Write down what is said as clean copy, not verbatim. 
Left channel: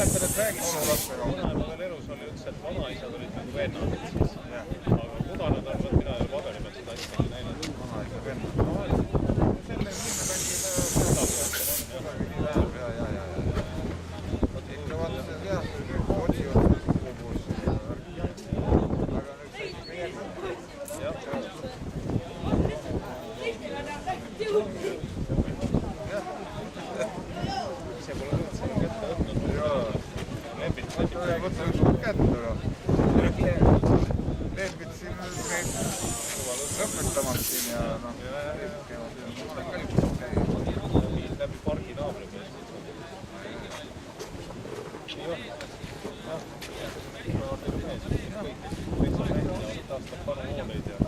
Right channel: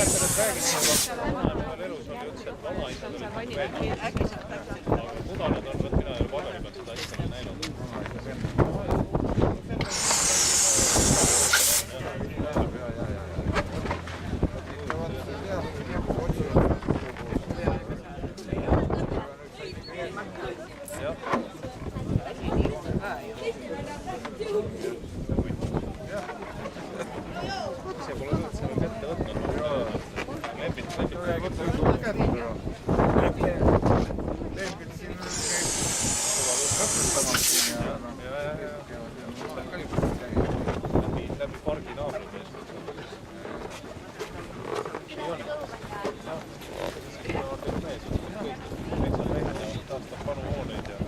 mäletan, et räägiti, vanaema veel elus oli, ütles, et vanaisad olid nagu vennad. Aga kudanad on, võt mina ei ole paberi pealt seda asja näinud. Vanaisa vennad. Ikka vaata jah, otsivad seda sugupuusse. Aga nüüd said ikka järgmine. Jah. Ise pole nüüd selle kätte võtnud. Lembit võtsin sulle kätte. Lembit siin käib õpetamas siin ja noh, käivad ka juba käia. Läbi pargi naabri meest. Nii on. Jah, kuuevardiga mees. Kõik metsamehed ja taastab panu hooneid ja